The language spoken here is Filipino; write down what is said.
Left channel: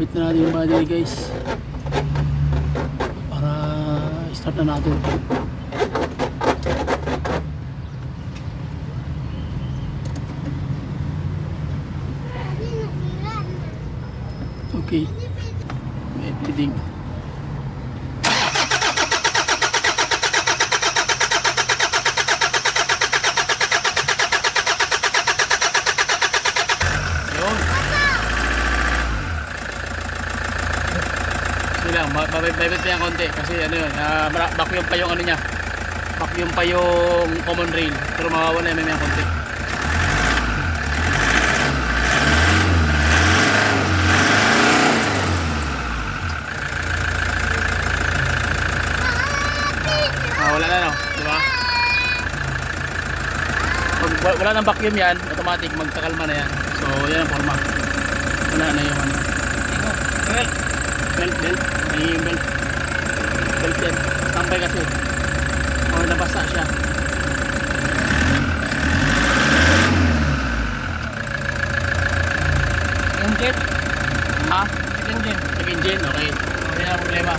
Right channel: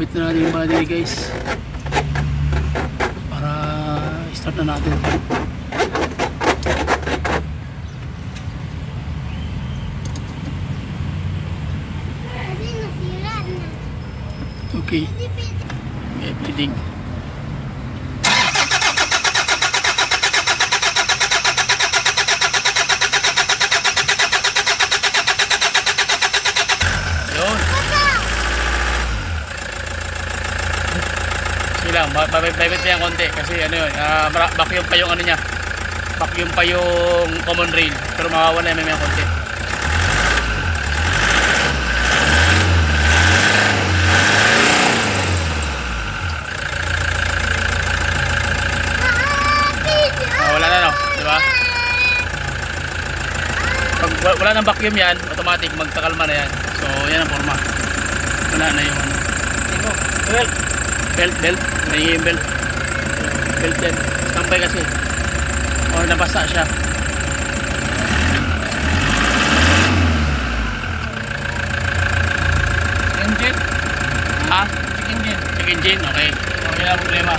Kabit na natin yung battery guys. Para start na natin. Okay. Okay, bleeding. Yun. Sige lang, babit pa yan konti kasi ano yun, vacuum pa yung ano niya. Vacuum pa yung common rail, pero mawawala na yan konti. Wala na, no, di ba? Pag wala nang vacuum yan, automatic magkakalma na yan. So yan ang forma. Wala na yung ano. Belt. May belt. Belt yan. Tambay kasi. Or nabasa siya. Engine? Ha? Engine. Check engine, okay. Okay na problema.